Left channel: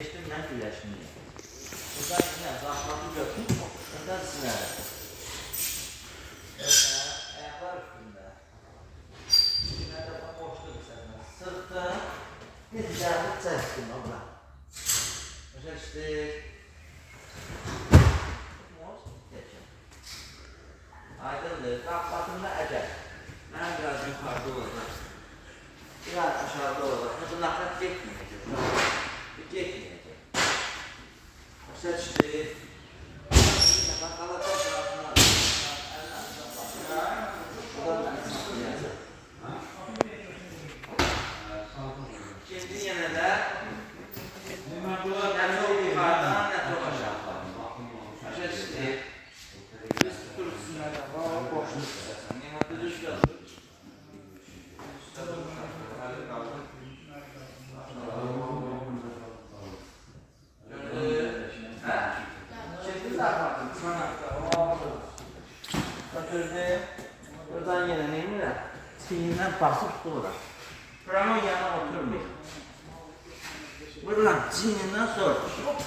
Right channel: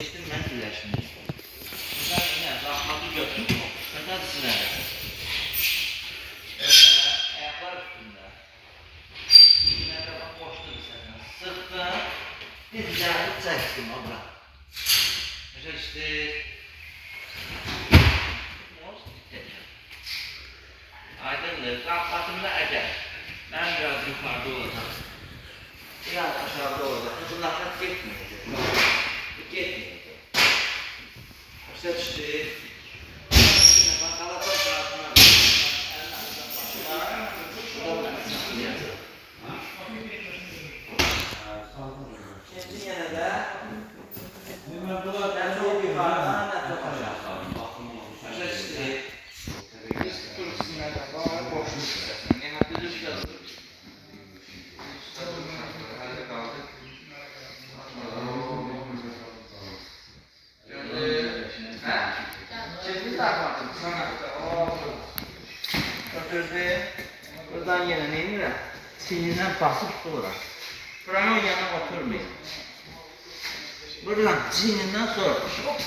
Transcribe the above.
Geçtim ben birleştim. Buradan yine rahmatı götür. Buradan siler. Ayaklar üstünde. Yine bak boştu bir sene. Sıktım. Bir zahmet çektim abla. Reçti. Aydındır. Rahmatımda eder. Ben biraz yukarıda olacağım. Biraz aşağıda olacak. Bu nafret gitmeyecek. Gitmeyecek. Seçti. Bakalım tarafına. Şimdi yine de ne çok yukarıdan ne çok aşağıdan. Seçti. Biz kursuna da var. Boşluk istersen. Ne hatta düz kalır. Hadi kaldı. Götürdü. Buradan yine neyim ya? Çiğninden basıp sonra. Buranın yanına oturmayın. Buradan çiğninden sonra. Hop.